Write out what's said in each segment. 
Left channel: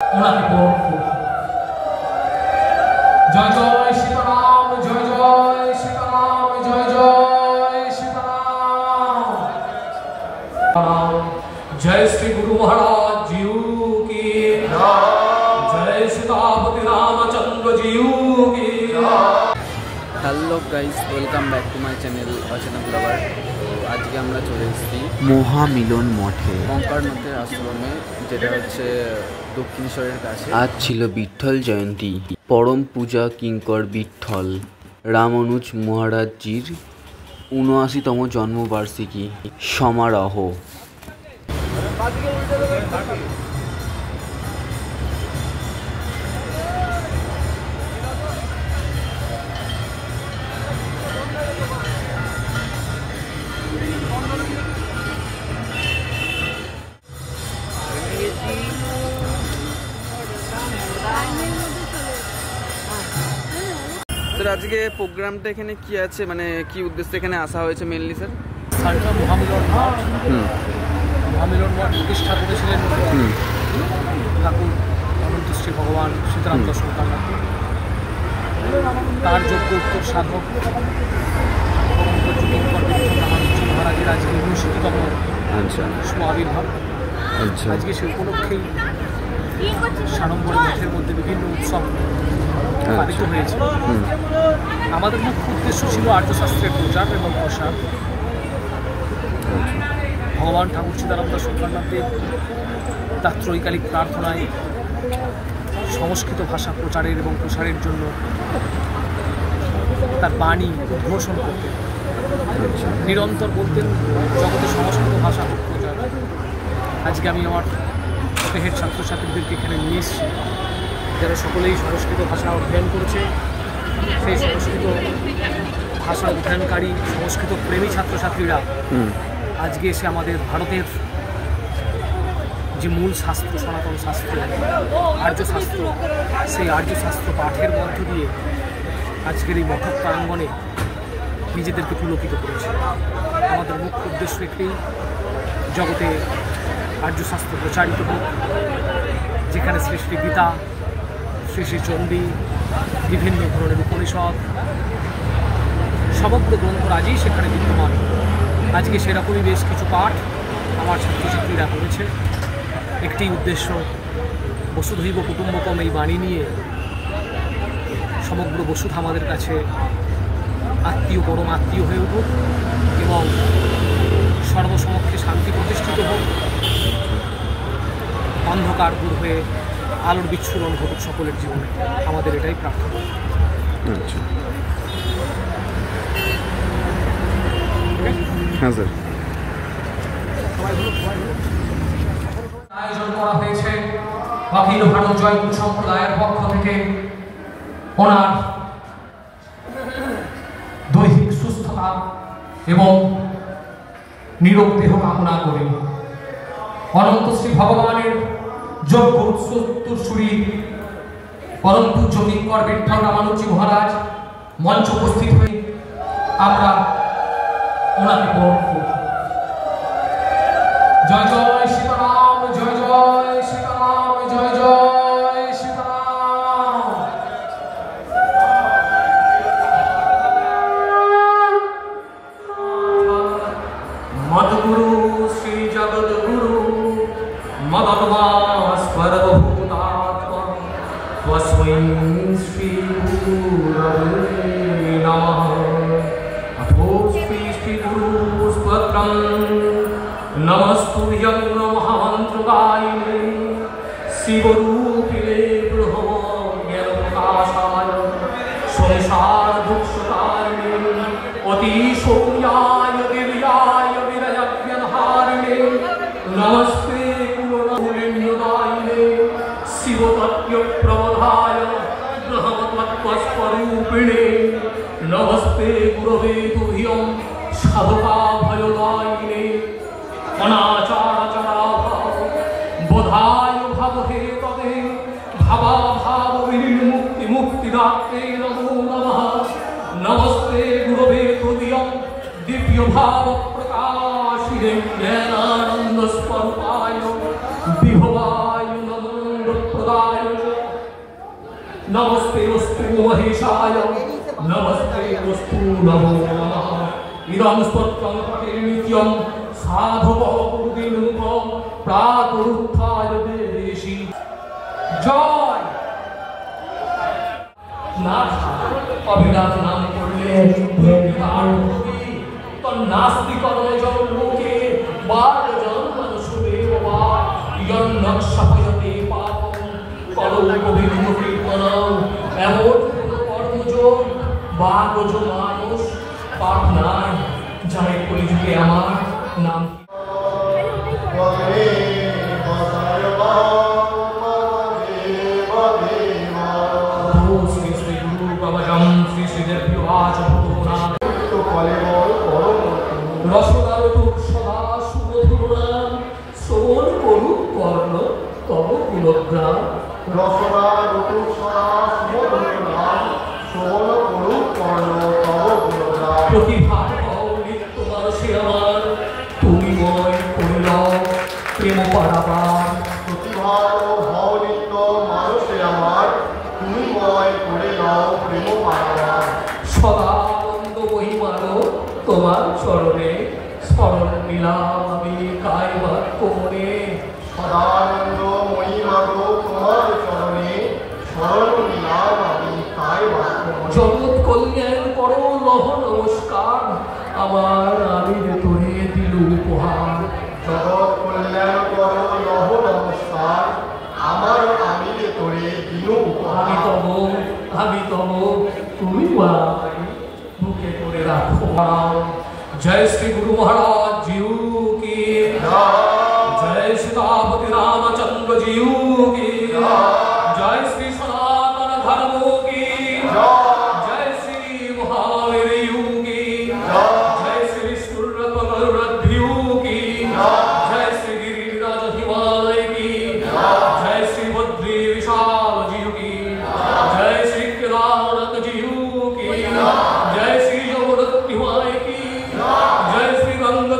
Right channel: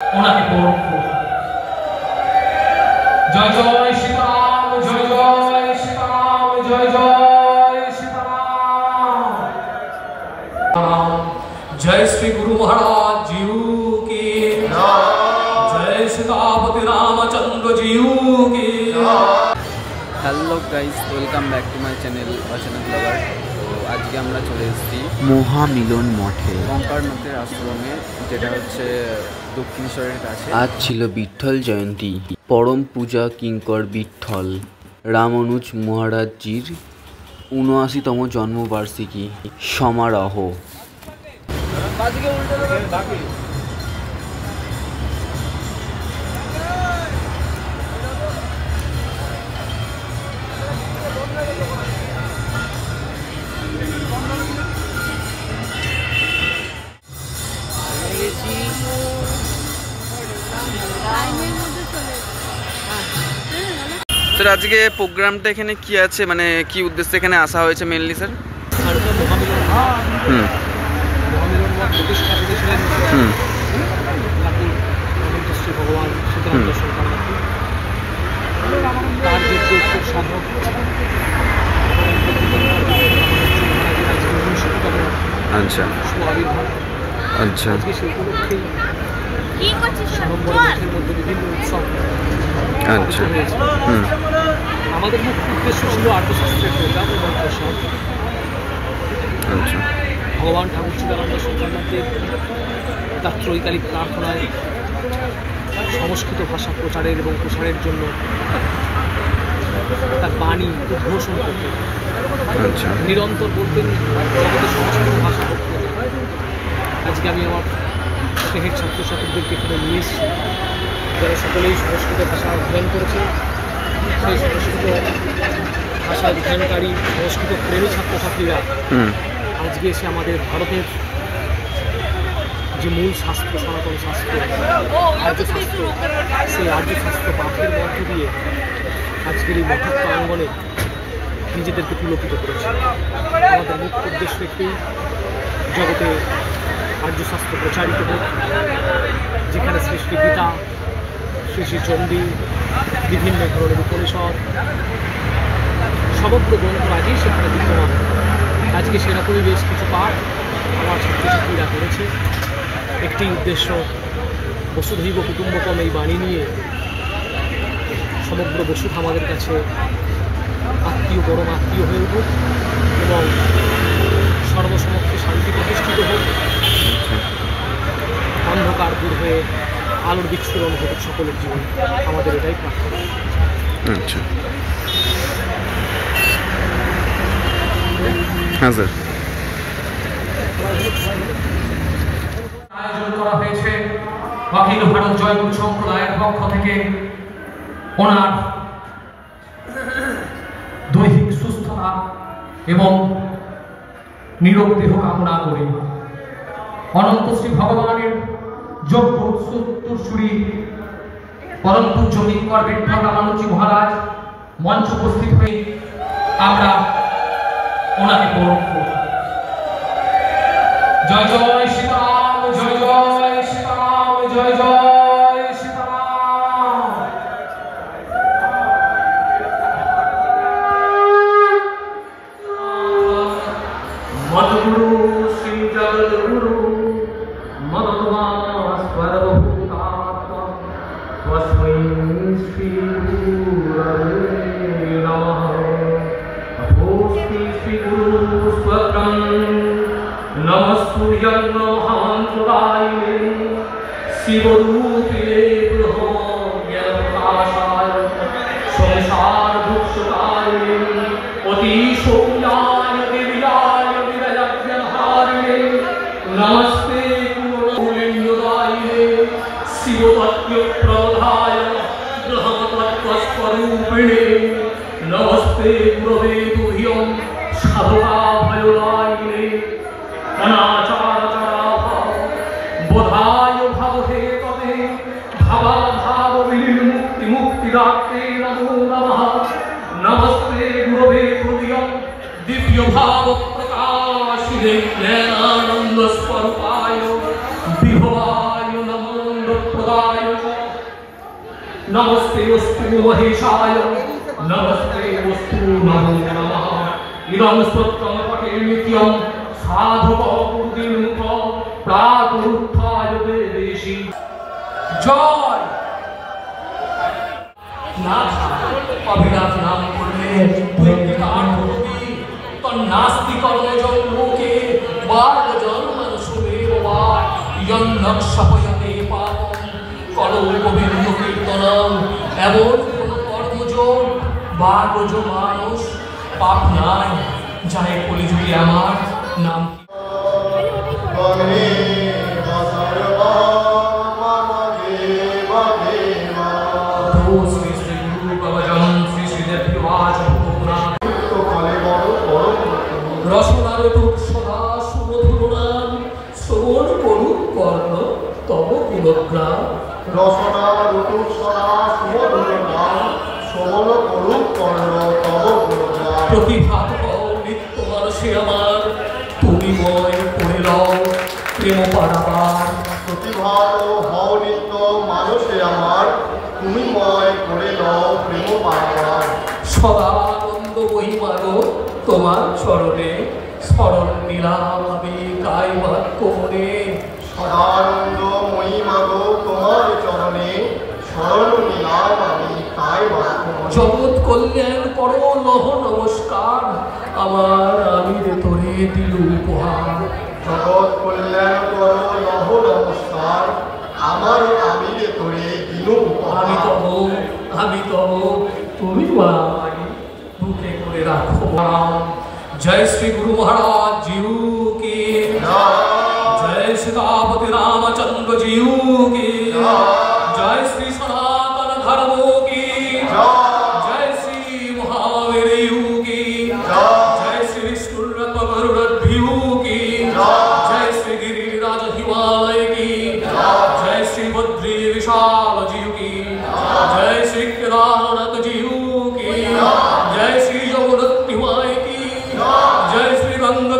ওনাকে জয় জয় সীতারাম, জয় জয় সীতারাম, জয় জয় সীতারাম। जय श्री गुरु महाराज जी की जय सीतापति रामचंद्र जी की। Hello guys, welcome back to my channel অচেনা ব্লগার। তো আজকে আমরা চলে এসেছি মহামিলন মঠে, কঙ্কারনাথের আশ্রমে, যেটা হচ্ছে দক্ষিণেশ্বরের কাছে। আজ ছিল বিঠ্ঠল জয়ন্তী, পরম পূজা কিঙ্কর বিঠ্ঠল রামানুজ মহারাজজির ৭৯তম জন্মবার্ষিকী সমারোহ। স্যার, আজকে প্রোগ্রামটা এখানে কি আছে, মানে কি উদ্দেশ্যে এখানে আসা হয়েছে মেনলি স্যার? মহামিলন মঠ প্রতিষ্ঠা করেছিলেন ঠাকুর শ্রী ভগবান সীতারাম দর্শন কান্নাথ। তার যোগ্য উত্তর সাধক মহারাজের আজকে ৬৯তম শুভ আবির্ভাব। আজকে সে উপলক্ষেই সাড়ম্বর মঠের মধ্যে বিভিন্ন উৎসব পালিত হয়েছে। আমাদের মুখ্য উদ্দেশ্য ছিল আর্যশাস্ত্রের প্রচার এবং প্রসার। ভগবান ঠাকুর সীতারাম দর্শন কান্নাথের তার ত্রৈকালিক প্রার্থনায় সংস্কৃত ভাষা প্রচারের এবং প্রসারের জন্য তার বাণী উদ্ঘোষণ করতেন, নিরন্তর বলতেন জগতে সংস্কৃত ভাষা হোক প্রচার। আজকে আমি আমার স্নেহের ছাত্রছাত্রীদেরকে এখানে নিয়ে এসেছি, যারা সকলেই সংস্কৃত ভাষা অধ্যয়ন করেছে। সেই সংস্কৃত ভাষা অধ্যয়নকারী সংস্কৃত প্রেমী ছাত্রছাত্রীরা আজকে এসে আমাদের ভারতের যে মূল শাস্ত্র, সনাতন শাস্ত্র, আর্যশাস্ত্র, সেই আর্যশাস্ত্র পাঠের মধ্য দিয়ে আজকের এই মঠক প্রাঙ্গণে নিজেদেরকে পুলকিত করেছে। আমাদের মুখ্য উদ্দেশ্য একটি, জগতে আর্যশাস্ত্র প্রচারিত হোক, যেখানে শ্রী শ্রী গীতা, শ্রী শ্রী চণ্ডী, বিভিন্ন ধরনের উপনিষদ, সমগ্র গ্রন্থরাজি সেখানে বিদ্যমান। আজকে সেরকমই বেশ কিছু পাঠ আমার ছাত্রছাত্রীরা করেছে। একটি উদ্দেশ্য, বসুধৈব কুটুম্বকম এই বাণী নিয়ে সমগ্র বসুধ আমাদের কাছে আত্মীয়, পরম আত্মীয় হয়ে উঠুক এবং সর্বসমক্ষে শান্তি প্রতিষ্ঠিত হোক, অন্ধকার দূর হয়ে আলোর বিচ্ছুরণ ঘটুক সকলের জীবনে। আমাদের এটাই প্রার্থনা। হ্যাঁ স্যার। আয়োজন করা হয়েছে অখিল ভারত জয়গুরু সম্প্রদায়ের পক্ষ থেকে। ওনার দৈহিক সুস্থতা এবং নিরোগ দেহ কামনা করে অনন্ত শ্রী ভগবানের যোগ্য উত্তরসূরি পরম পূজ্য কিঙ্কর বিঠ্ঠল রামানুজি মহারাজ মঞ্চ উপস্থিত হয়ে আমরা ওনাকে বরণ করব। জয় জয় সীতারাম, জয় জয় সীতারাম, জয় জয় সীতারাম। মদগুরু শ্রী জগদ্গুরু মদনবাস পরমভূতাত্মা তস্मै শ্রী গুরবে নমঃ। नमस्तुभ्यं महान्तदायिने शिवरूपिणे ब्रह्मज्ञानप्रकाशाय संसारदुःखदायिने अतिशौर्याय दिव्याय विरजज्ञहारिणे नमस्ते गुणगुण्यदायिने शिवतत्त्वप्रबोधाय ब्रह्मतत्त्वस्वरूपिणे नमस्ते गुरवे तुभ्यं साधुका भयदायिने बोधाय भवहे तवे भवाभाव विमुक्ति मुक्तिदात्रे नमो नमः। नमस्ते गुरवे तुभ्यं दिव्य भाव प्रकाशिने ज्ञानानंद स्वरूपाय विभवाय नमो प्रदाय नमस्ते वस्तु महेशाय नमस्ते वस्तु नमो नमः इदं स्तोत्रं पठे नित्यं साधुको गुरुदेवं प्रातरुत्थाय देवेशि जय नाथ अभिलाष नाम करले भक्तिदान होगी तो नास्ति कर्मजो लोके बाल जन्म सुमेवा यन्नक्षपयते पापं कलो गोविंद कीर्तनम एमन कर्मजोग बागजो मानुष पाप নাই যায় কলিযুগে আমার নাম শ্রী শ্রী গুরু কবজম শ্রী শ্রী দেববাচ পুরাণ রসনালতুক সহা সুমধুরাম শ্রবণ করু কর্ণ তব গুণগ্রাম রসনালতুক সহা সুমধুরাম শ্রবণ করু কর্ণ তব গুণগ্রাম প্রতিভা নিত্য মানুষে আমার তুমি ময় করে লও প্রেম পারাবার প্রতিভার ভাও নিত্য মানুষে আমার তুমি ময় করে লও প্রেম পারাবার সদা আনন্দ মহিমানো তোমার চরণে স্মরণ নিলাম আমি তাই বাক্য মনে সদানন্দ মহিমাগো তোমার চরণে স্মরণ নিলাম আমি তাই বাক্য জগৎ কল্যাণ করো নহ নমস্কার আমার আমি তোরে দিল উপহার জগৎ কল্যাণ করো লহ নমস্কার আমার আমি করে দিল আমি তব তুমি আমায় বুকে করে রাখো জয় শ্রী গুরু মহারাজ জিউ কি जय सीतापति रामचंद्र जी की जय श्री सनातन धर्म की जय श्री महावीर की जय श्री विष्णुरथ गरुड़ध्वज की जय श्री गिरिराज हिमालय की जय श्री बद्री विशाल जी की जय श्री केदारनाथ जी की जय श्री जगन्नाथ माई की जय श्री गंगा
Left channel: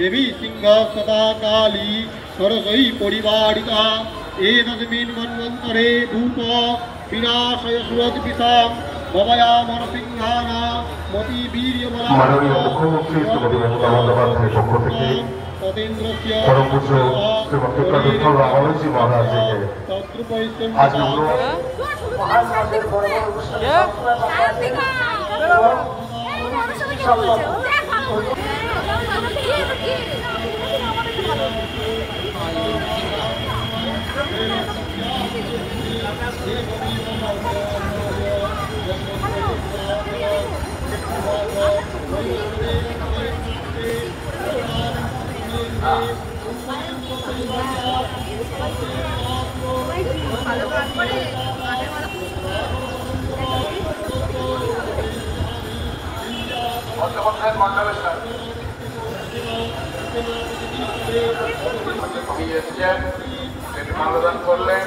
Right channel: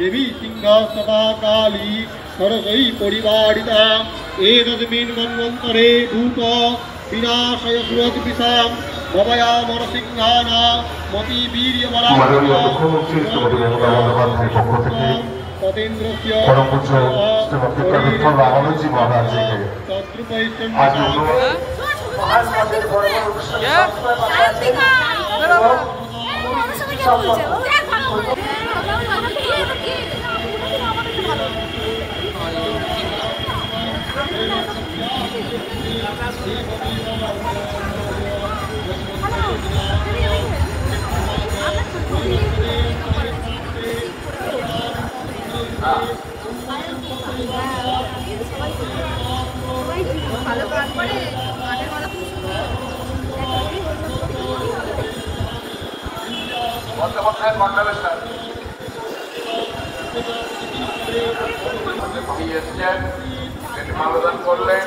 देवी सिंह सदा काली सरसई परिवारिता एतस्मिन् मन्वन्तरे भूत विनाशय सुरत विषाम भवया नरसिंहाना मति वीर्यबला মানবদান করলেন।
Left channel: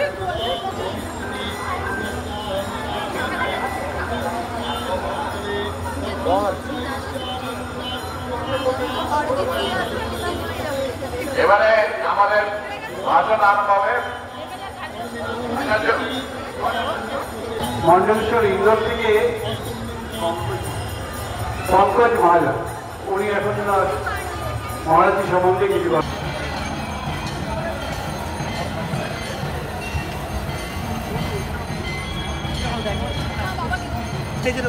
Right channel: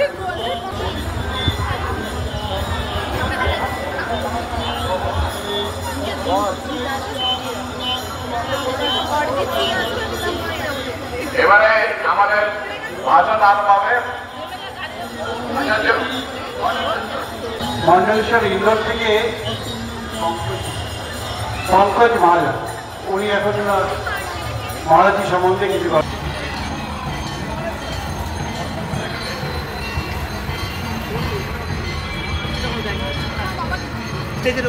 এবারে আমাদের ভাষণ আরম্ভ হবে। মন্ডলেশ্বর ইন্দোর থেকে পঙ্কজ মহাজ, উনি এখন মহারাজি সম্বন্ধে কিছু স্টেজের